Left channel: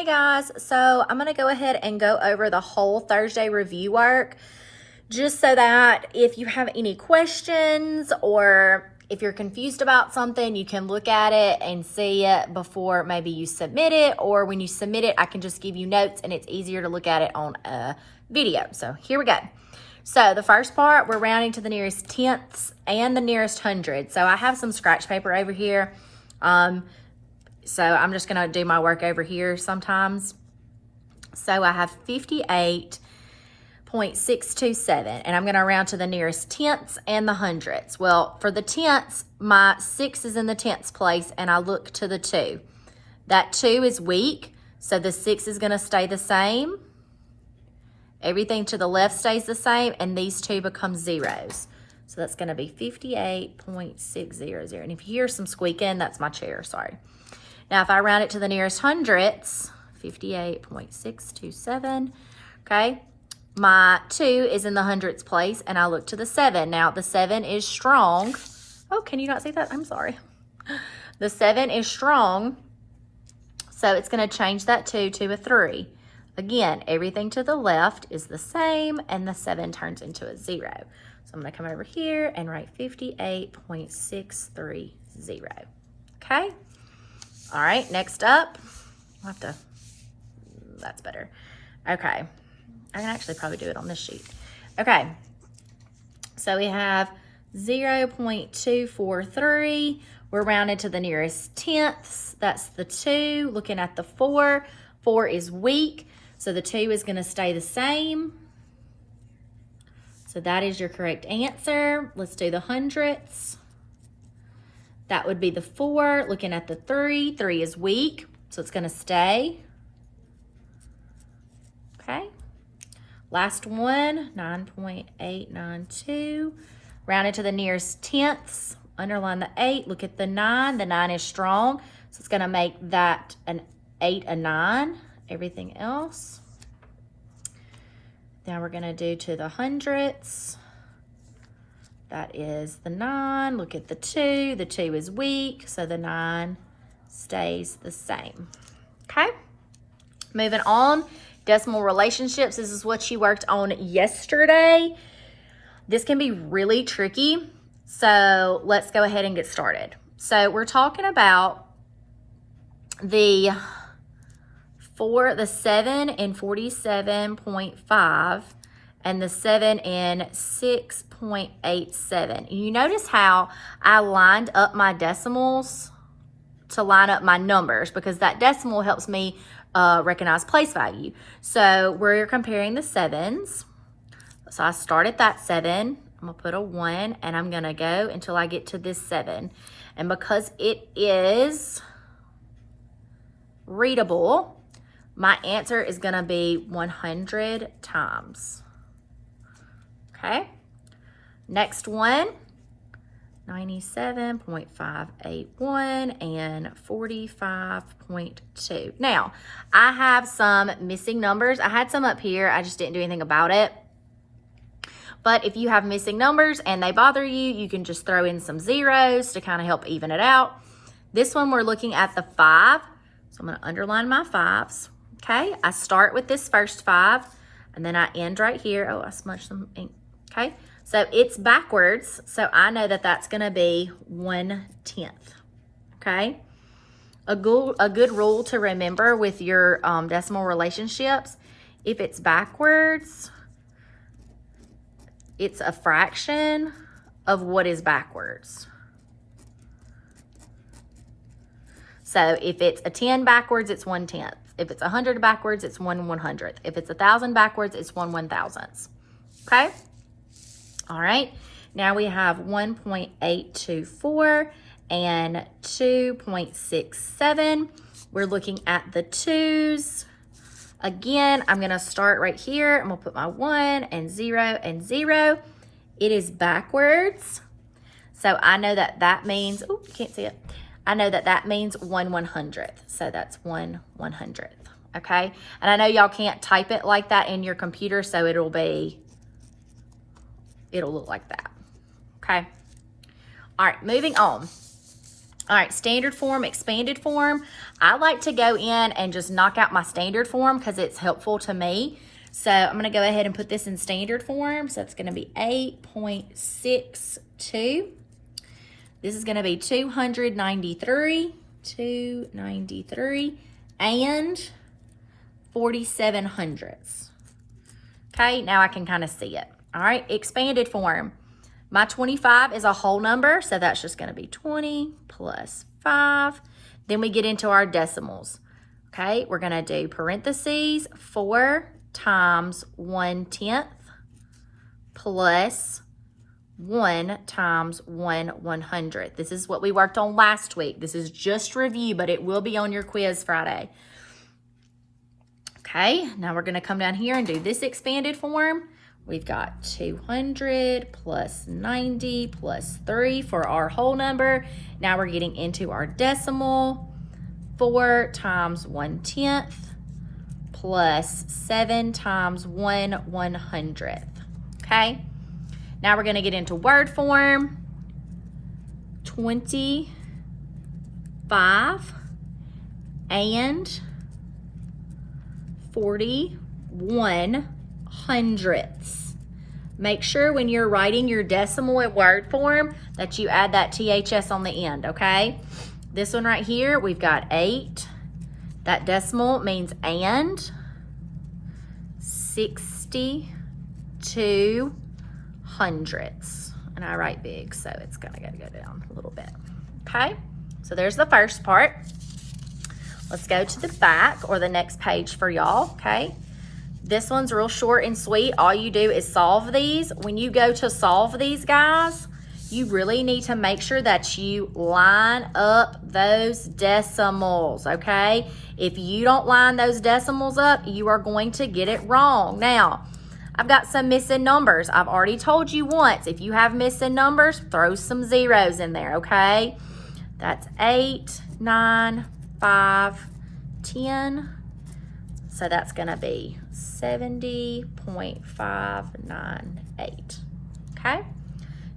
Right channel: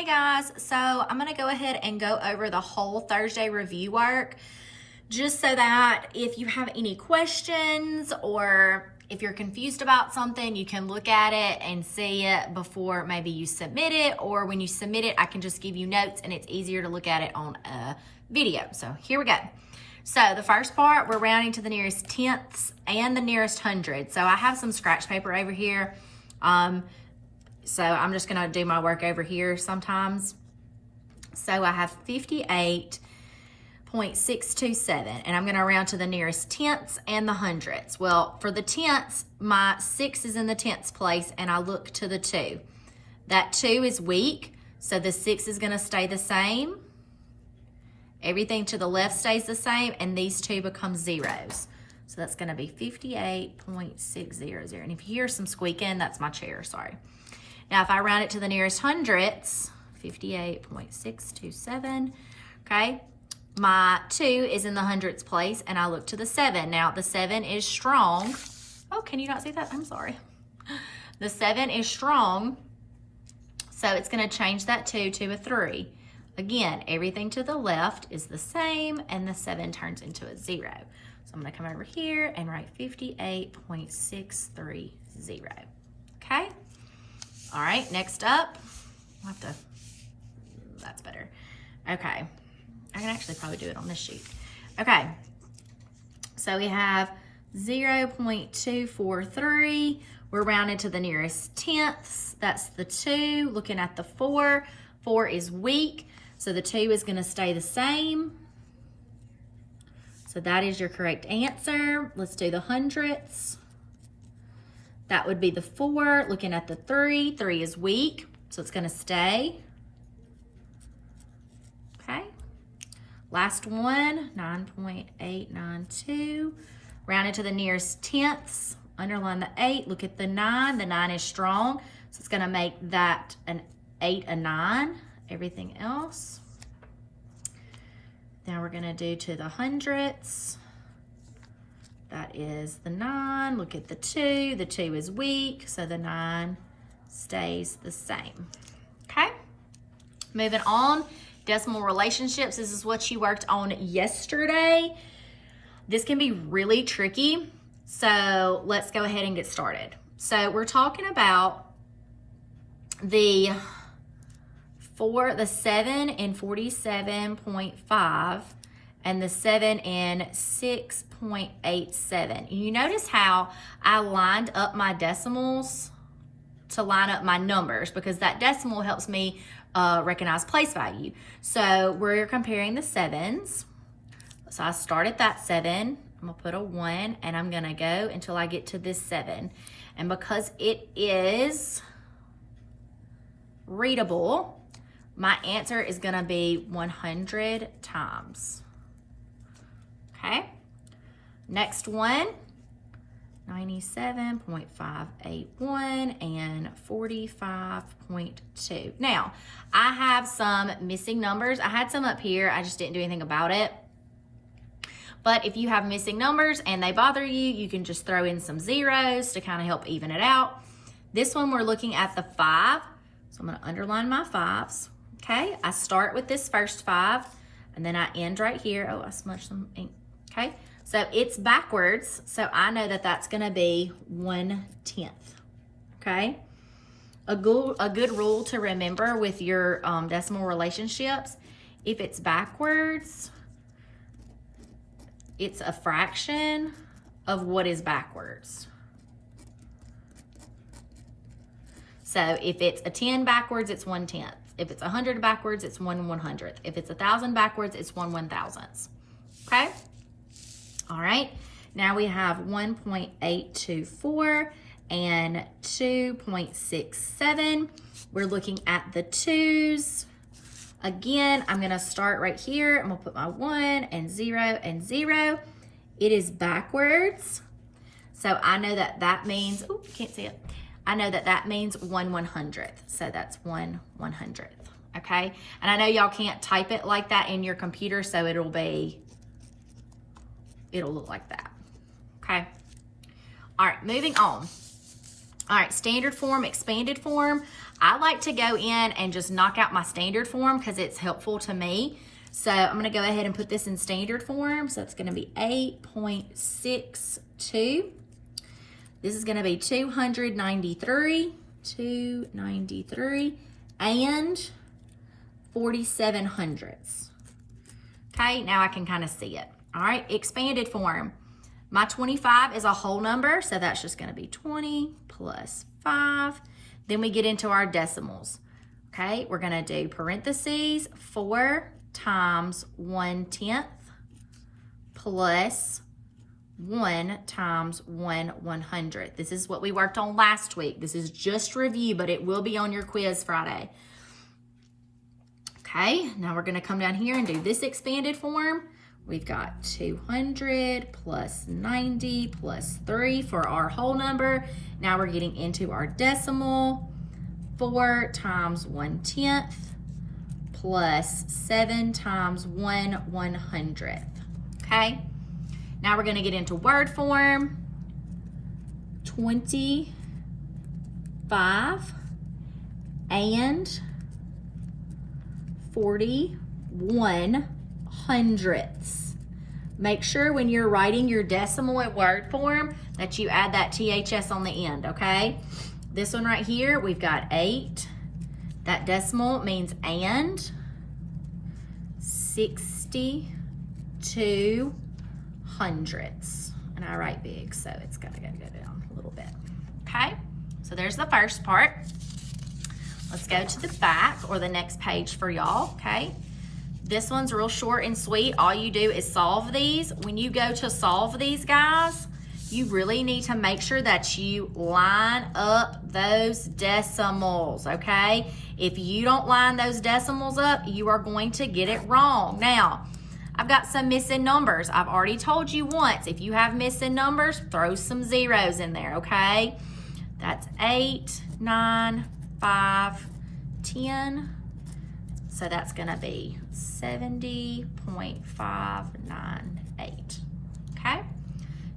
Hey guys, so I'm gonna go ahead and go over the whole Thursday review work just so that if you have any questions or if you're confused about something, you can look at it and see it before maybe you submit it, or when you submit it, I can just give you notes and it's easier to look at it on a video. So here we go. So the first part, we're rounding to the nearest tenths and the nearest hundred. So I have some scratch paper over here. So I'm just gonna do my work over here sometimes. So I have 58.627, and I'm gonna round to the nearest tenths and the hundredths. Well, for the tenths, my 6 is in the tenths place, and I look to the 2. That 2 is weak, so the 6 is gonna stay the same. Everything to the left stays the same, and these 2 become zeros. So that's gonna be 58.600. And if you hear some squeaking, that's my chair, sorry. Now, if I round it to the nearest hundredths, 58.627, okay? My 2 is in the hundredths place, and I look to the 7. Now, the 7 is strong. Oh, can you not see that? I'm sorry. The 7 is strong, so it's gonna change that 2 to a 3. Again, everything to the left is the same, and the 7 turns into a 0. So I'm gonna come over here and write 58.630, okay? All right, next up, I'll have to, that's better. Okay, I can actually probably do it on this sheet. Okay, so we have 0.243. We're rounded to the nearest tenths. That's the 2. Looking at the 4, 4 is weak, so the 2 is gonna stay the same. So that is your correct answer. Let's do the hundredths. That would be the 4. Looking at the 3, 3 is weak, so it's gonna stay. Okay. Last one, 9.892. Rounded to the nearest tenths. Underline the 8, look at the 9. The 9 is strong, so it's gonna make that an 8 a 9. Everything else. Now we're gonna do to the hundredths. That is the 9. Look at the 2. The 2 is weak, so the 9 stays the same. Okay, moving on. Decimal relationships. This is what you worked on yesterday. This can be really tricky, so let's go ahead and get started. So we're talking about the 7 in 47.5 and the 7 in 6.87. You notice how I lined up my decimals to line up my numbers, because that decimal helps me recognize place value. So we're comparing the 7s. So I start at that 7, I'm gonna put a 1, and I'm gonna go until I get to this 7. And because it is readable, my answer is gonna be 100 times. Okay, next one, 97.581 and 45.2. Now, I have some missing numbers. I had some up here, I just didn't do anything about it. But if you have missing numbers and they bother you, you can just throw in some zeros to kind of help even it out. This one, we're looking at the 5. So I'm gonna underline my 5s. Okay, I start with this first 5 and then I end right here. Oh, I smudged some ink. Okay, so it's backwards, so I know that that's gonna be 1/10. Okay, a good rule to remember with your decimal relationships: if it's backwards, it's a fraction of what is backwards. So if it's a 10 backwards, it's 1/10. If it's 100 backwards, it's 1/100th. If it's 1,000 backwards, it's 1/1000th. Okay. All right. Now we have 1.824 and 2.67. We're looking at the 2s. Again, I'm going to start right here. I'm going to put my 1 and 0 and 0. It is backwards. So I know that that means, oh, you can't see it. I know that that means 1/100th. So that's 1/100th. Okay. And I know y'all can't type it like that in your computer, so it'll look like that. Okay. All right, moving on. All right, standard form, expanded form. I like to go in and just knock out my standard form because it's helpful to me. So I'm going to go ahead and put this in standard form. So it's going to be 8.62. This is going to be 293, and 47 hundredths. Okay, now I can kind of see it. All right, expanded form. My 25 is a whole number, so that's just going to be 20 plus 5. Then we get into our decimals. Okay, we're going to do parentheses 4 times 1/10 plus 1 times 1/100th. This is what we worked on last week. This is just review, but it will be on your quiz Friday. Okay, now we're going to come down here and do this expanded form. We've got 200 plus 90 plus 3 for our whole number. Now we're getting into our decimal. 4 times 1/10 plus 7 times 1/100th. Okay, now we're going to get into word form. 25 and 41 hundredths. Make sure when you're writing your decimal in word form that you add that THS on the end, okay? This one right here, we've got 8. That decimal means and. 62 hundredths. And I write big, so it's gonna go down a little bit. Okay, so there's the first part. Let's go to the back or the next page for y'all, okay? This one's real short and sweet. All you do is solve these. When you go to solve these, guys, you really need to make sure that you line up those decimals, okay? If you don't line those decimals up, you are going to get it wrong. Now, I've got some missing numbers. I've already told you once, if you have missing numbers, throw some zeros in there, okay? That's 8, 9, 5, 10. So that's gonna be 70.598, okay?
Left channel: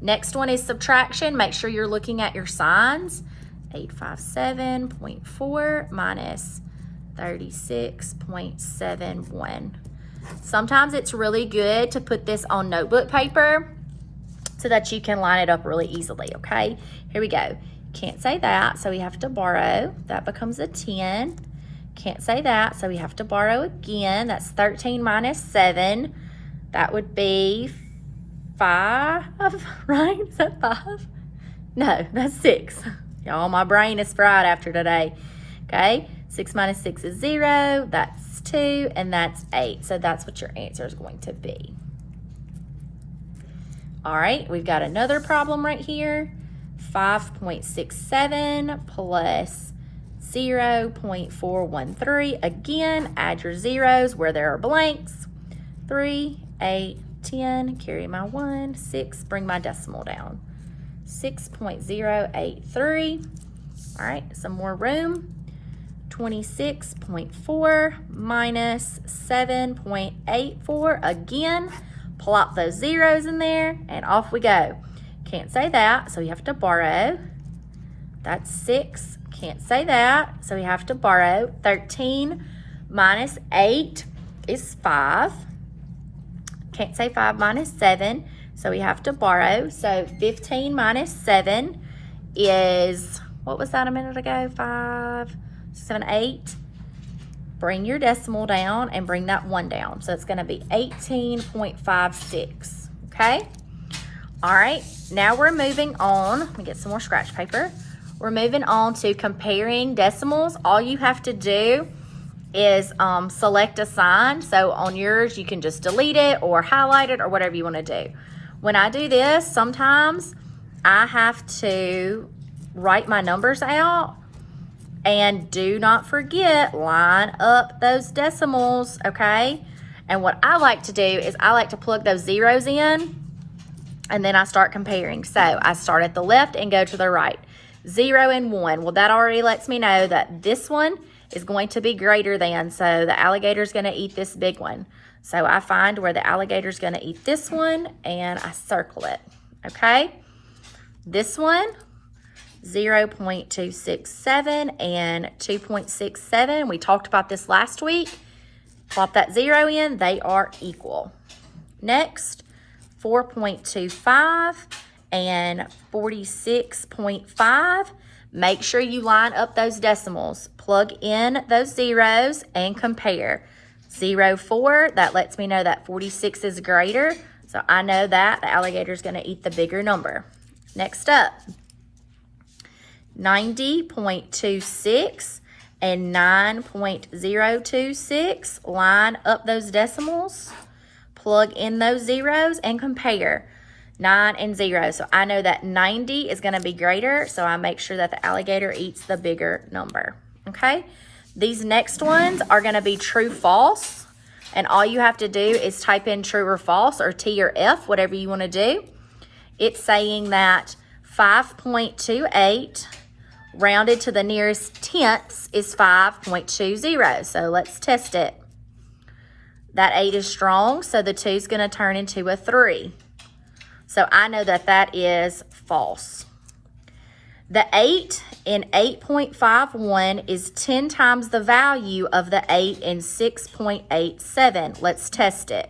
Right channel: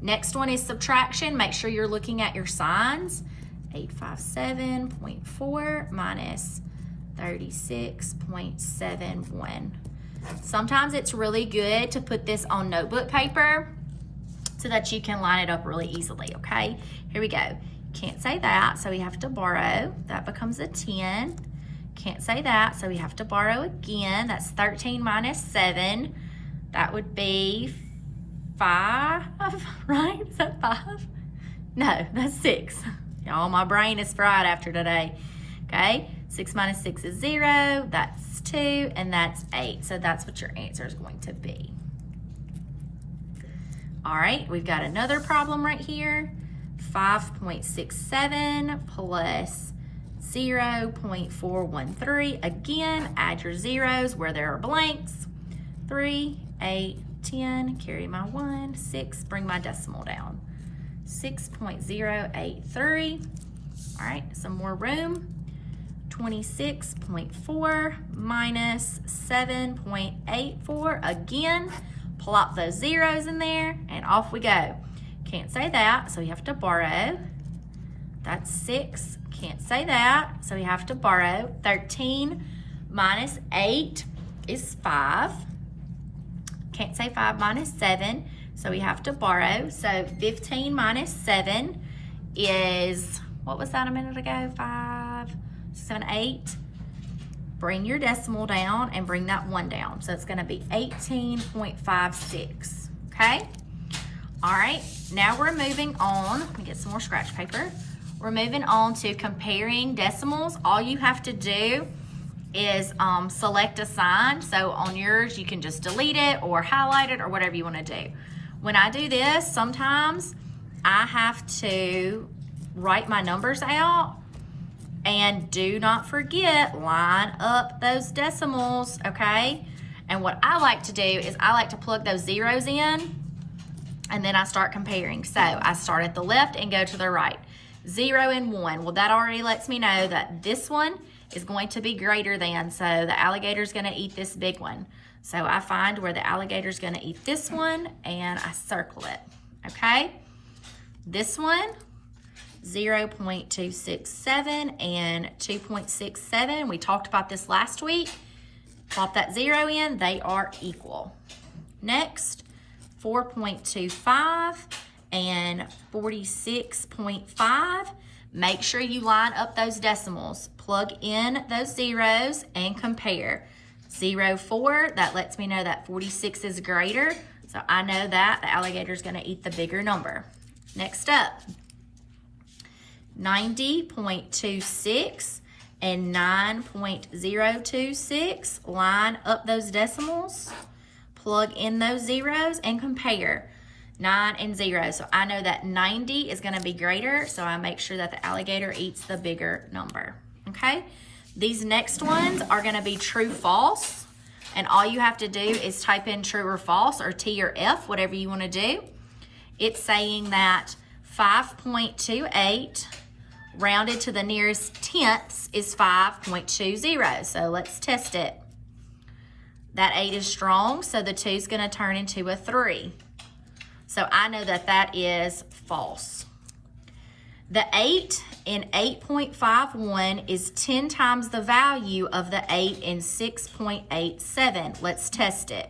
Next one is subtraction. Make sure you're looking at your signs. 857.4 minus 36.71. Sometimes it's really good to put this on notebook paper so that you can line it up really easily, okay? Here we go. Can't say that, so we have to borrow. That becomes a 10. Can't say that, so we have to borrow again. That's 13 minus 7. That would be 5, right? Is that 5? No, that's 6. Y'all, my brain is fried after today. Okay, 6 minus 6 is 0. That's 2, and that's 8. So that's what your answer is going to be. All right, we've got another problem right here. 5.67 plus 0.413. Again, add your zeros where there are blanks. 3, 8, 10, carry my 1, 6, bring my decimal down. 6.083. All right, some more room. 26.4 minus 7.84. Again, plop those zeros in there and off we go. Can't say that, so we have to borrow. That's 6. Can't say that, so we have to borrow. 13 minus 8 is 5. Can't say 5 minus 7, so we have to borrow. So 15 minus 7 is, what was that a minute ago? 5, 7, 8. Bring your decimal down and bring that 1 down. So it's going to be 18.56, okay? All right, now we're moving on. Let me get some more scratch paper. We're moving on to comparing decimals. All you have to do is select a sign. So on yours, you can just delete it or highlight it or whatever you want to do. When I do this, sometimes I have to write my numbers out. And do not forget, line up those decimals, okay? And what I like to do is I like to plug those zeros in, and then I start comparing. So I start at the left and go to the right. 0 and 1. Well, that already lets me know that this one is going to be greater than, so the alligator's gonna eat this big one. So I find where the alligator's gonna eat this one, and I circle it, okay? This one, 0.267 and 2.67. We talked about this last week. Plop that 0 in, they are equal. Next, 4.25 and 46.5. Make sure you line up those decimals. Plug in those zeros and compare. 0.4, that lets me know that 46 is greater. So I know that the alligator is going to eat the bigger number. Next up, 90.26 and 9.026. Line up those decimals, plug in those zeros, and compare 9 and 0. So I know that 90 is going to be greater, so I make sure that the alligator eats the bigger number. Okay? These next ones are going to be true, false. And all you have to do is type in true or false, or T or F, whatever you want to do. It's saying that 5.28 rounded to the nearest tenths is 5.20. So let's test it. That 8 is strong, so the 2 is going to turn into a 3. So I know that that is false. The 8 in 8.51 is 10 times the value of the 8 in 6.87. Let's test it.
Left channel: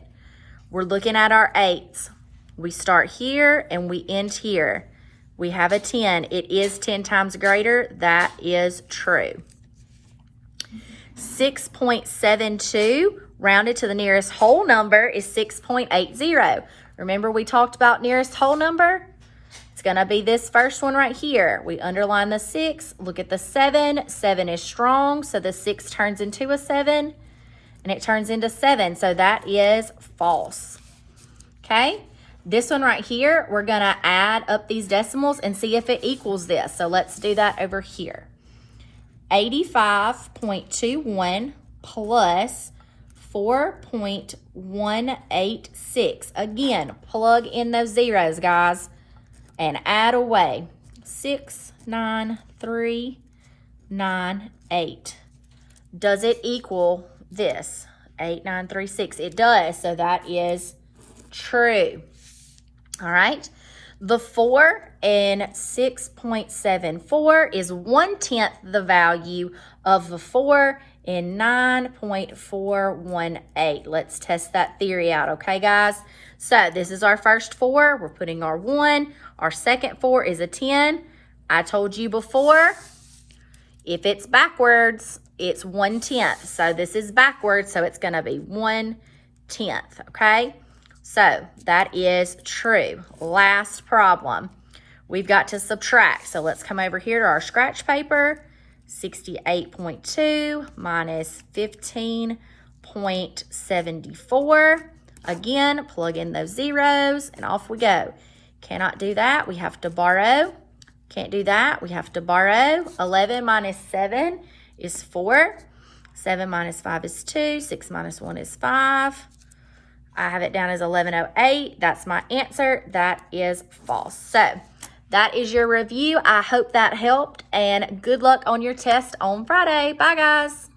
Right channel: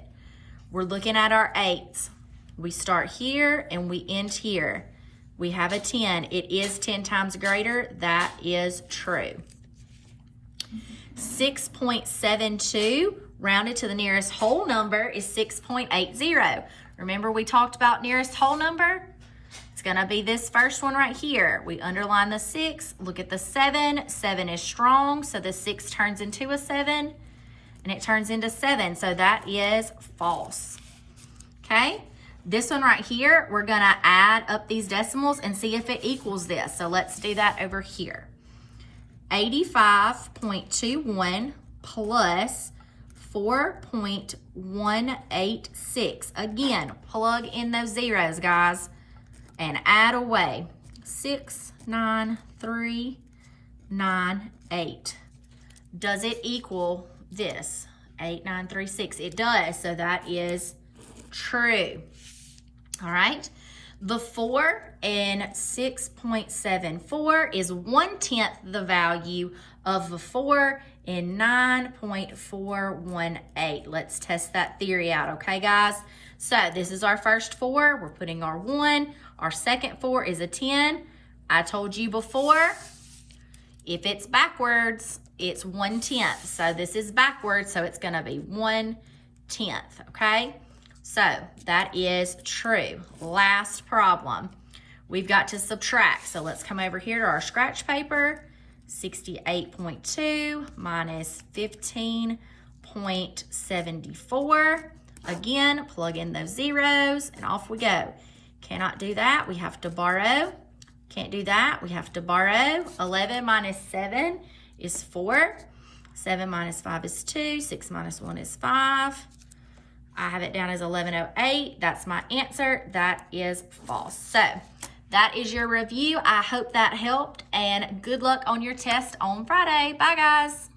We're looking at our 8s. We start here and we end here. We have a 10. It is 10 times greater. That is true. 6.72 rounded to the nearest whole number is 6.80. Remember we talked about nearest whole number? It's going to be this first one right here. We underline the 6. Look at the 7. 7 is strong, so the 6 turns into a 7, and it turns into 7. So that is false. Okay? This one right here, we're going to add up these decimals and see if it equals this. So let's do that over here. 85.21 plus 4.186. Again, plug in those zeros, guys, and add away. 69398. Does it equal this? 8936. It does, so that is true. All right. The 4 in 6.74 is 1/10 the value of the 4 in 9.418. Let's test that theory out, okay, guys? So this is our first 4. We're putting our 1. Our second 4 is a 10. I told you before, if it's backwards, it's 1/10. So this is backwards, so it's going to be 1/10, okay? So that is true. Last problem. We've got to subtract. So let's come over here to our scratch paper. 68.2 minus 15.74. Again, plug in those zeros and off we go. Cannot do that. We have to borrow. Can't do that. We have to borrow. 11 minus 7 is 4. 7 minus 5 is 2. 6 minus 1 is 5. I have it down as 1108. That's my answer. That is false. So that is your review. I hope that helped, and good luck on your test on Friday. Bye, guys.